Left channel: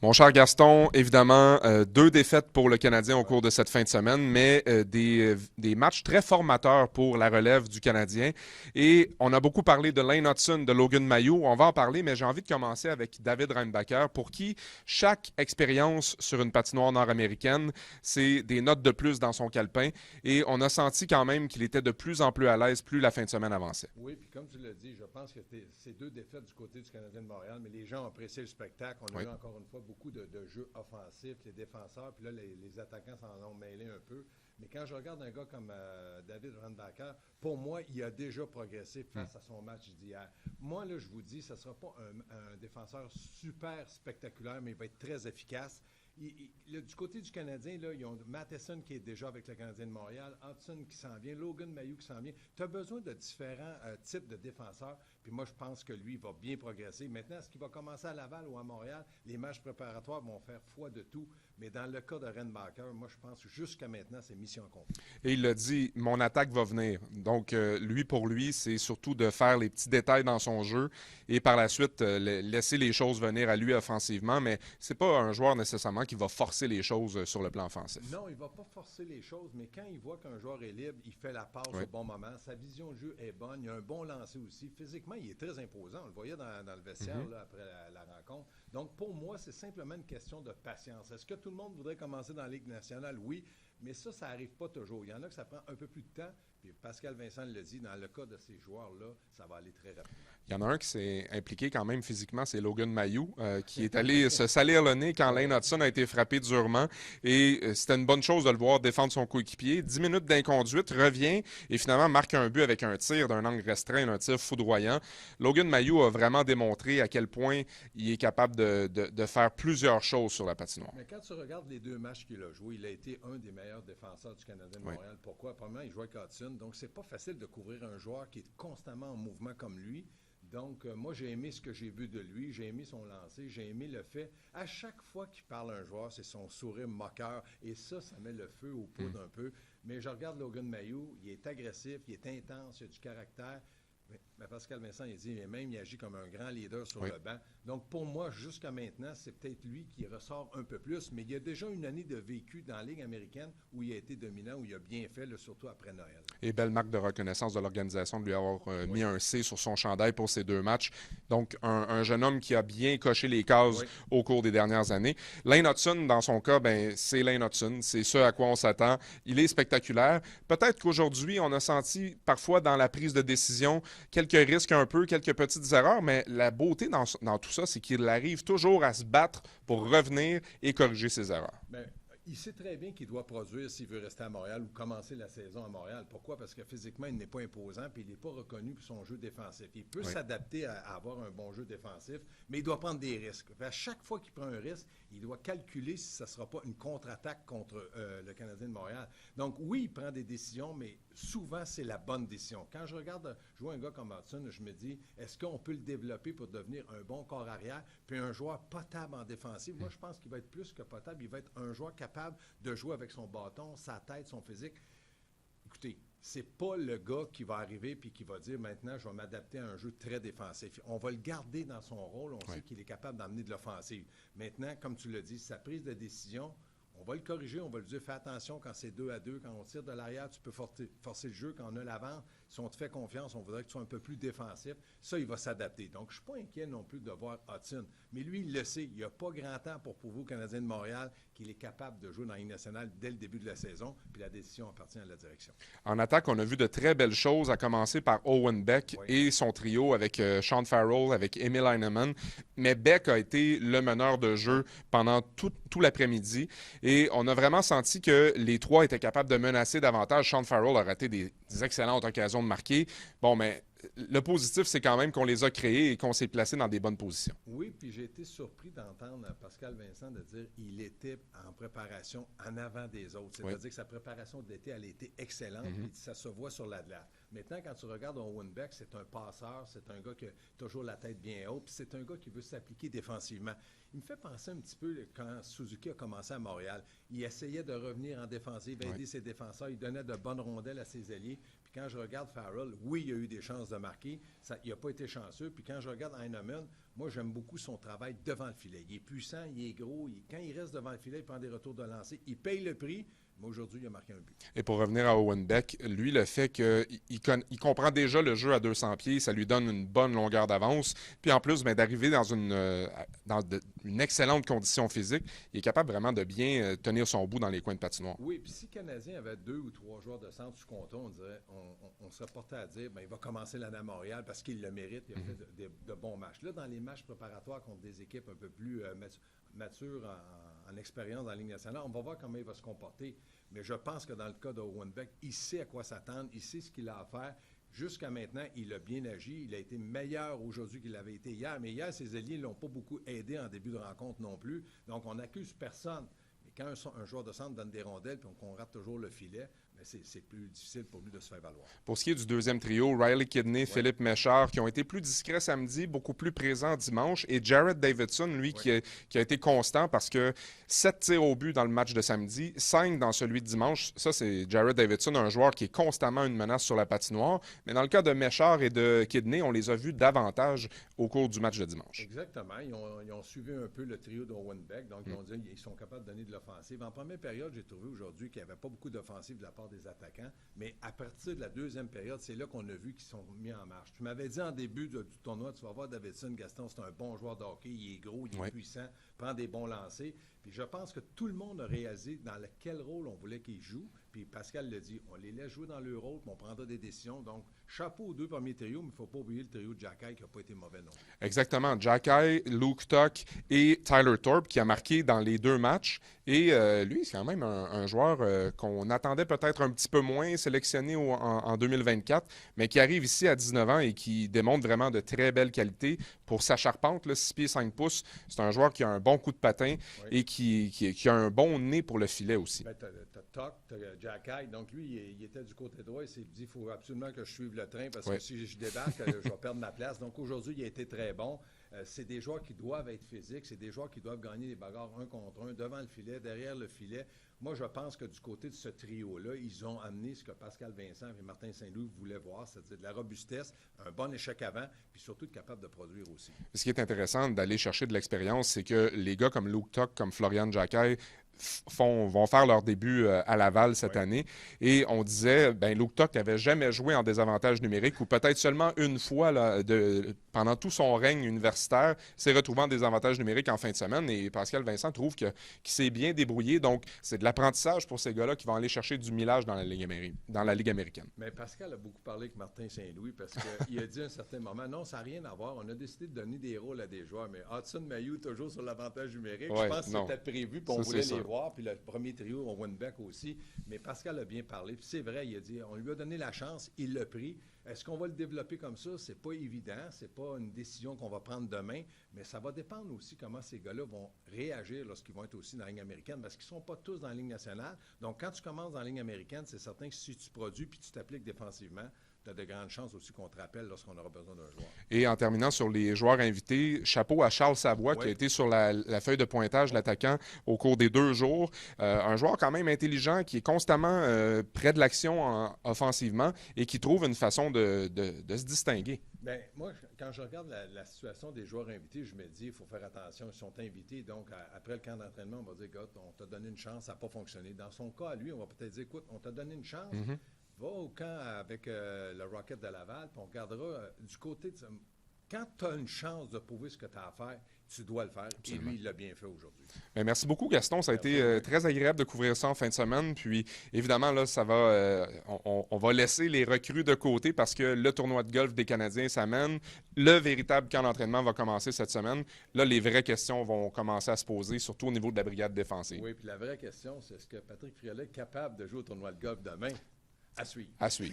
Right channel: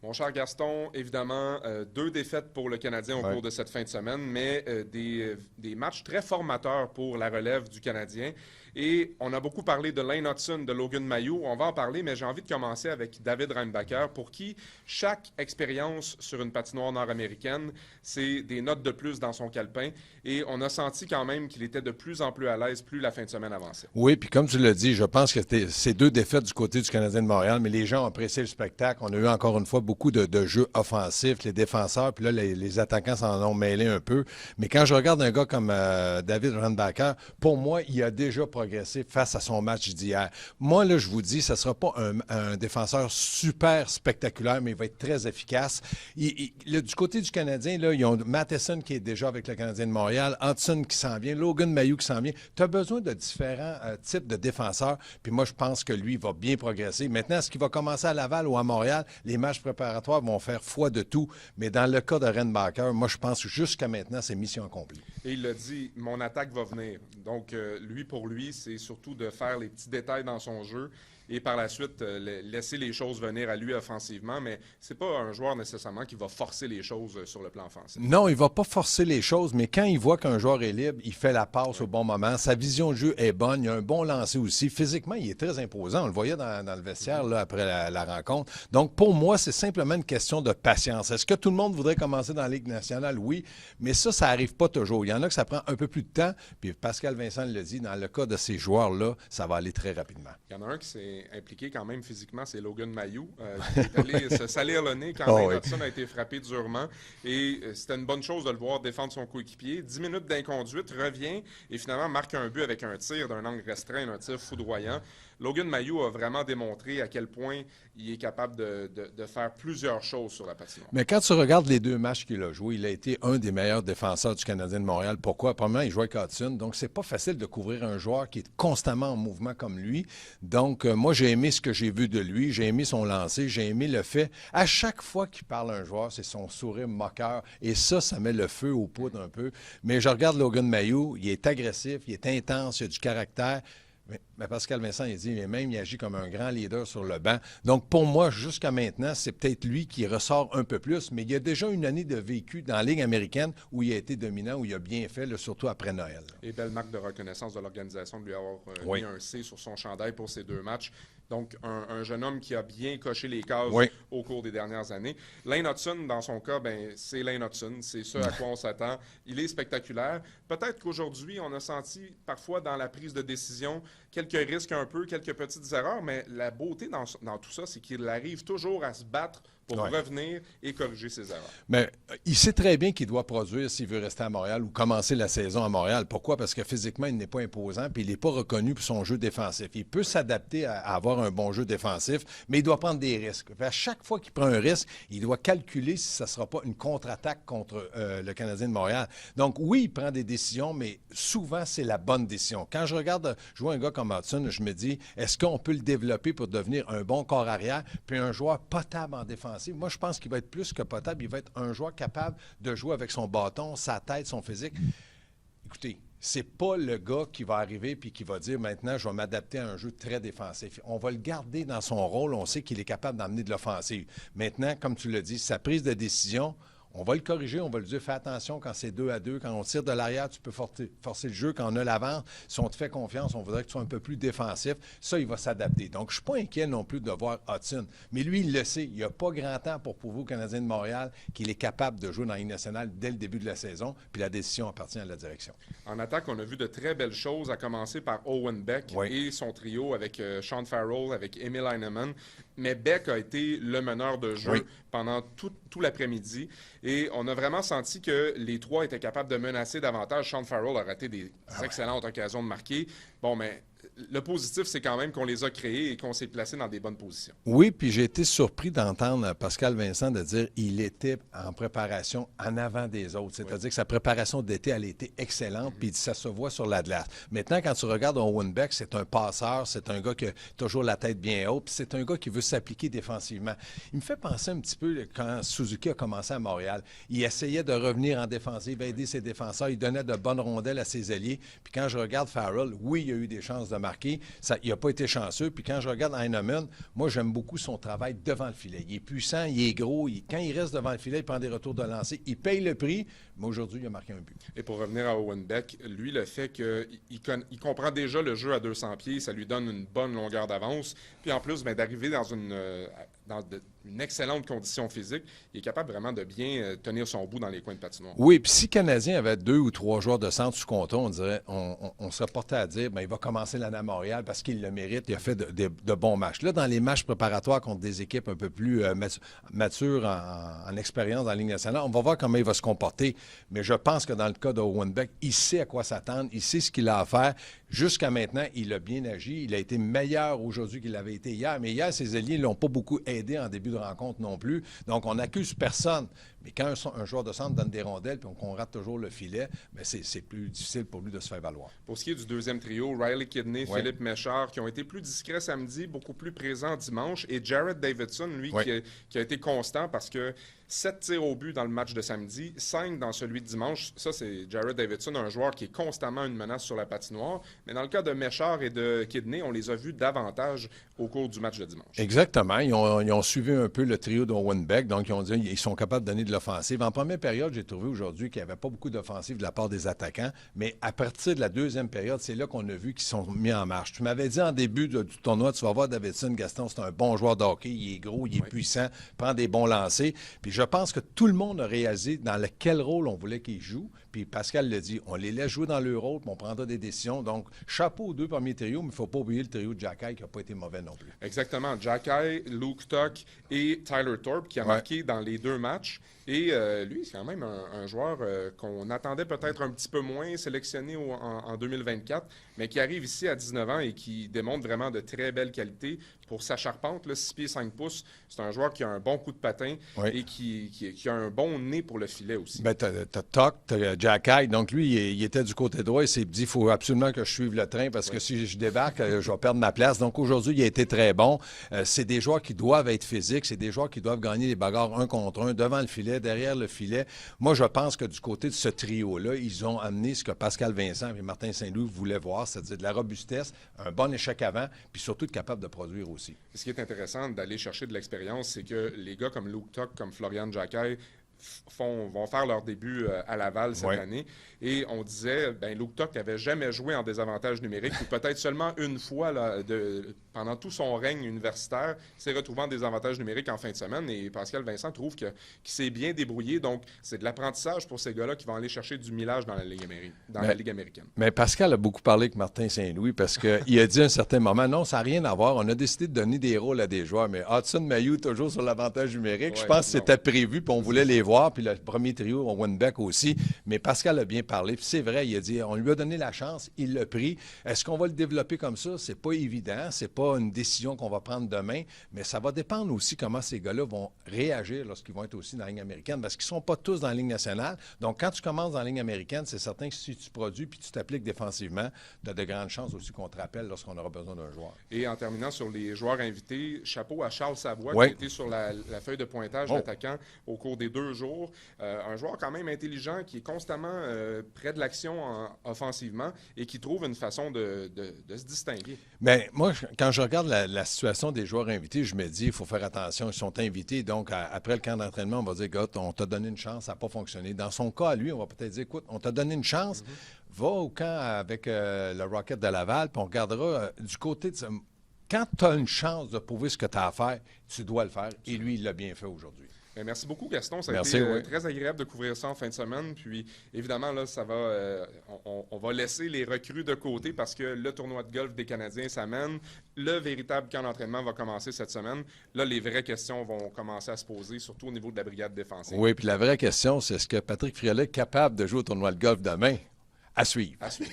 Mon cher Gaston, évidemment, deux défaites pour le Canadien au Ouais. cours de cette fin de semaine, mais des matchs très formateurs pour la relève du Canadien. Et on a beaucoup parlé de Lane Hudson, de Logan Mailloux. On va en parler, mais j'ai envie de commencer avec David Reinbacher, pour qui chaque expérience sur une patinoire nord-américaine, c'est des notes de plus dans son calepin. Et on a senti quand même qu'il était de plus en plus à l'aise plus la fin de semaine avançait. Oui, puis comme tu l'as dit, je pense que c'est deux défaites du côté du Canadien de Montréal, mais les gens ont apprécié le spectacle. On a eu encore une fois beaucoup de jeux offensifs, les défenseurs, puis là, les attaquants s'en ont mêlé un peu. Mais quand je regarde un gars comme David Reinbacher, pour moi, il a déjà progressé face à son match d'hier. Moi, là, je vous dis, ce ne sera pas un défenseur super spectaculaire, mais il va être très efficace. Du côté du Canadien, là, ils ont Matheson qui est déjà avec le Canadien de Montréal, Hudson qui s'en vient, Logan Mailloux qui s'en vient. Tu as besoin de différents types de défenseurs, puis moi, je pense que lui va bien progresser. Maintenant, est-ce qu'il va commencer à Laval ou à Montréal? Les matchs préparatoires vont faire foi de tout, mais dans le cas de Reinbacher, moi, je pense que jusqu'à maintenant, c'est mission accomplie. Et il l'a dit, mon attaque va venir. Donc, lui, pour lui, c'est surtout de faire les petits détails dans son jeu et par la suite, laisser les choses venir à lui offensivement. Mais c'est pas un joueur nécessairement qui va forcer les choses sur le plan offensif. Non, il ne va pas forcer les choses, mais quand il voit qu'un joueur est libre, il fait la passe Oui. au bon moment. Sa vision de jeu est bonne. Il a un bon lancer aussi. Physiquement, il est très imposant. On le voyait dans le vestiaire là, après la rencontre. Donc, pour moi, c'est simplement une question de patience. Est-ce que tout le monde voudrait commencer dans la Ligue nationale? Oui, mais ça n'arrive pas toujours. Il y en a que ça prend un peu plus de temps. Puis Pascal Vincent le dit, dans le cas de ces joueurs-là, ça va aller très rapidement. Il y en a un qui s'est impliqué quand même physiquement, c'est Logan Mailloux, qui est allé se salir le nez quand Oh, Lane oui. Hudson a été frappé durement. Et c'était une bonne chose de le voir défendre son coéquipier. 10 minutes d'inconduite, revient et finalement marque un but avec un tir d'un angle restreint, un tir foudroyant. Logan Mailloux a vraiment démontré à quel point il est capable de faire plusieurs choses sur la patinoire. Mais quand tu regardes les deux matchs qu'il a joués, il a été un des meilleurs défenseurs du Canadien de Montréal. Pourquoi? Premièrement, il jouait avec Hudson, donc c'est pas facile de couvrir un joueur qui est constamment en mouvement comme lui. Donc, moi, j'ai aimé ce que j'ai vu de lui, j'ai aimé son lancer, j'ai aimé le fait, à chaque fois qu'il parle à un joueur, c'est son sourire moqueur, et ça met le feu aux poudres un peu. Mais je regarde Logan Mailloux, il est agressif, il est intense, il a du caractère. Mais Pascal Vincent, il dit, mais même, il agit comme un grand leader sur le banc. Donc, pour moi, jusqu'à maintenant, c'est peut-être lui qui ressort un peu plus, mais il y a déjà une année de vécu dans la Ligue américaine où il a été dominant, où il a bien fait, là, surtout après Noël. Et belle marque de reconnaissance de l'organisation de lui avoir Oui. mis un C sur son chandail pour ces deux matchs. Donc, un jeune homme qui a bien coché les cases Oui. au cours des dernières années. Lane Hudson, dans son cas, ben, c'est Lane Hudson. C'est ce à quoi on s'attend. Il est spectaculaire. Peut-être qu'aujourd'hui, on a senti parfois dans la prise de décision quelques risques un peu, quelques petites erreurs, mais la beauté dans tout ça, c'est qu'il arrive toujours à se battre pour Oui. revenir et corriger ses erreurs. Mais il sait très bien qu'il doit produire s'il veut rester à Montréal ou commencer la saison à Montréal. Pourquoi? Parce que physiquement, il n'est pas imposant puis il n'est pas reconnu pour son jeu défensif. Il peut s'adapter à avoir un bon jeu défensif, mais il doit prendre des risques. À chaque fois qu'il prend un risque, il doit calculer si ça ne sera pas une contre-attaque contre le Canadien de Montréal. Donc oui, il prend des décisions, mais souvent, c'est la bonne décision. Quand je regarde jouer un gars comme Hudson, je me dis, est-ce qu'on peut le développer pour devenir un bon corps arrière puis un joueur potable en défensive? Moi, je pense qu'il va être plus que potable. Il va être un joueur capable de jouer avec son bâton, sa tête, son physique. Écoutez, c'est pas le gars qui va arriver puis qui va dire maintenant je vais m'adapter à un jeu très défensif. On va le garder dans son rôle. On sait qu'il est capable d'emmener de l'offensive. Maintenant, comme tu l'as dit, sa prise de décision, on va le corriger, on va lui dire fais attention quand c'est 2-2, quand on tire de l'arrière, tu peux forcer le jeu, quand on a l'avance, si on te fait confiance, on voudrait que tu sois un peu plus défensif. Ça, il va s'adapter. Donc, je ne suis pas inquiet non plus de voir Hudson. Mais lui, il le sait. Il n'y a pas grand temps pour prouver au Canadien de Montréal qu'il est capable de jouer dans la Ligue nationale dès le début de la saison, puis la décision appartient à la direction. En attaque, on a vu de très belles choses, à commencer par Owen Beck et son trio avec Sean Farrell, avec Emil Heinemann. Mais Beck a été le meneur de jeu pendant tout l'après-midi. Et on a vraiment senti que les trois étaient capables de menacer davantage. Sean Farrell a raté des excellentes occasions de marquer. Bon, mais le positif, c'est quand même qu'on les a créés et qu'on s'est placé dans des bonnes positions. Oui, puis j'ai été surpris d'entendre Pascal Vincent de dire qu'il était en préparation en avant des autres. C'est-à-dire que sa préparation d'été, elle a été excellente, puis ça se voit sur la glace. Maintenant, quand tu regardes Owen Beck, c'est un passeur, c'est un gars qui a toujours la tête bien haute, puis c'est un gars qui veut s'appliquer défensivement. Il me fait penser un petit peu quand Suzuki a commencé à Montréal. Il essayait de revenir en défensive, aider ses défenseurs, il donnait de bonnes rondelles à ses alliés. Puis quand je regarde Farrell, oui, il a eu des chances de marquer. marqué. Il n'a pas été chanceux. Puis quand je regarde Heinemann, moi, j'aime beaucoup son travail devant le filet. Il est puissant, il est gros. Quand il reste devant le filet, il prend des retours de lancer. Il paye le prix, mais aujourd'hui, il a marqué un but. Et pour revenir à Owen Beck, lui, le fait qu'il comprend déjà le jeu à 200 pieds, ça lui donne une bonne longueur d'avance. Puis en plus, d'arriver dans une excellente condition physique, il est capable vraiment de bien tenir son bout dans les coins de patinoire. Oui, puis si le Canadien avait 2 ou 3 joueurs de centre sous contrat, on serait porté à dire il va commencer l'année à Montréal parce qu'il le mérite, il a fait de bons matchs. Là, dans les matchs préparatoires contre des équipes un peu plus matures en expérience dans la Ligue nationale, on va voir comment il va se comporter. Mais je pense que dans le cas de Owen Beck, il sait à quoi s'attendre, il sait ce qu'il a à faire. Jusqu'à maintenant, il a bien agi. Il a été meilleur aujourd'hui qu'il avait été hier. Mais hier, ses alliés ne l'ont pas beaucoup aidé en début de rencontre non plus. Donc, on n'accuse personne. Mais quand un joueur de centre donne des rondelles et qu'on rate toujours le filet, bien, c'est plus difficile pour lui de se faire valoir. Pour ce qui est du deuxième trio, Riley Kidney, Philippe Méchard, qui ont été plus discrets samedi, beaucoup plus présents dimanche. Et Jared Davidson, lui, qui a été constant parce que 7 tirs au but dans le match de samedi, 5 dans celui de dimanche. Ça, c'est Jared Davidson, un joueur qui est constamment une menace sur la patinoire. Mais dans le cas de Méchard et de Kidney, on les a vus davantage au cours du match de dimanche. Exactement. Ils ont suivi un peu le trio d'Owen Beck. Donc, ils ont dit qu'ils sont capables de donner de l'offensive. En première période, j'ai trouvé aujourd'hui qu'il n'y avait pas beaucoup d'offensive de la part des attaquants. Mais à partir de la deuxième période, c'est là qu'on a vu qu'ils sont mis en marche. Tu m'avais dit en début du tournoi, tu vas voir Davidson, Gaston, c'est un bon joueur de hockey. Il est gros, il est puissant, prend des bons lancers. Puis je pense que tout le monde a réalisé dans quel rôle on voulait qu'il joue. Puis Pascal l'a dit, on les laisse jouer dans leur rôle, puis on prendra des décisions. Donc, chapeau aux 2 premiers trios, mais il ne faut pas oublier le trio de Jacky qui n'a pas été mauvais non plus. Exactement. Jacky, Luke Tuck et Tyler Thorpe qui a marqué dans les 2 matchs. Et lui, c'est quand même un joueur qu'on attendait peut-être un petit peu moins sélectionné en 2024, mais qui arrive ici à 19 ans et qui démontre vraiment de très belles qualités. Pour sa charpente, là, 6 pieds 5 pouces, c'est un joueur qui a un bon coup de patin et qui a un bon nez pour le filet aussi. Bien, t'as Tuck, t'as Jacky. Donc, lui, il était du côté droit. Il s'est dit, il faut absolument que je suive le train parce que si je débarque, je vais perdre ma place. Donc, aujourd'hui, il a été très bon. C'est des joueurs qui doivent être physiques. C'est des joueurs qui doivent gagner les bagarres 1 contre 1 devant le filet, derrière le filet. Moi, je pense que du côté de ce trio-là, ils ont amené ce que Pascal Vincent et Martin Saint-Louis voulaient voir, c'est-à-dire de la robustesse, un bon échec avant, puis surtout être capable de produire aussi. Ce qui est intéressant d'aller chercher de l'expérience, c'est que les gars comme Luke Tuck, comme Florian Jacky, vont faire leur début à Laval cette année. Et on disait, Luke Tuck n'avait jamais joué en désavantage numérique ou peut-être seulement une fois pendant tout son règne universitaire, s'est retrouvé en désavantage numérique en fin de semaine. Et Pascal Vincent trouve qu'il s'est bien débrouillé. Donc, c'est de l'apprentissage pour ces gars-là qui vont aller chercher du millage dans la Ligue américaine. Mais Pascal a beaucoup parlé avec Martin Saint-Louis parce qu'il a dit à un certain moment, non, ça n'a rien à voir. On a décidé de donner des rôles à des joueurs. Mais Hudson Mailloux, toujours sur l'avantage numérique, je pense que c'était prévu puis on voulait les voir, puis le premier trio, Owen Beck aussi. Mais Pascal a bien parlé. Puis c'est vrai, il a dit, on lui a donné la chance, il l'a pris. Est-ce qu'on va le développer comme ça? C'est pas évident. C'est pas une décision qu'on va prendre demain. Mais ça va dépendre aussi comment ces gars-là vont réagir lorsqu'ils vont être aussi dans la Ligue américaine. Parce qu'ils ne sont pas tous dans la Ligue nationale. Donc, quand tu commences dans la Ligue américaine, c'est certain que si tu produis puis tu t'appliques défensivement, tu as de grandes chances aussi qu'on te rappelle lorsqu'on aura besoin d'un joueur. Et en terminant sur les joueurs invités, chapeau à Charles Savoie qui a été sur la feuille de pointage d'attaquant au cours des 2 jours. Un joueur quand même intelligent qui est constamment près de l'action offensivement et qui trouve une façon de se distinguer. Bien, moi, quand je regarde la situation des joueurs invités, je me dis, il faut faire attention. Ils sont invités, donc après le camp d'entraînement, on va dire, gars, on t'a donné une chance, ça n'a pas fonctionné. Dans son cas, à lui, on va peut-être dire, écoute, on t'a donné une chance, va au camp avec le Rocket de Laval, puis on regardera du côté de ça. Quand tu as une chance de prouver ce que tu as à faire, tu dois le faire. Et lui, il l'a bien fait aujourd'hui. Merci beaucoup, Gaston. Ça a été très agréable de couvrir ça en fin de semaine. Puis, évidemment, là, ça va, on va laisser les recrues de côté parce que le tournoi de golf des Canadiens s'amène. Le véritable camp d'entraînement va commencer cette semaine. Là, les vraies questions vont commencer à se poser, surtout au niveau de la brigade défensive. Oui, puis la vraie question, c'est est-ce que Patrick Friolet est capable de jouer au tournoi de golf demain? À suivre. À suivre.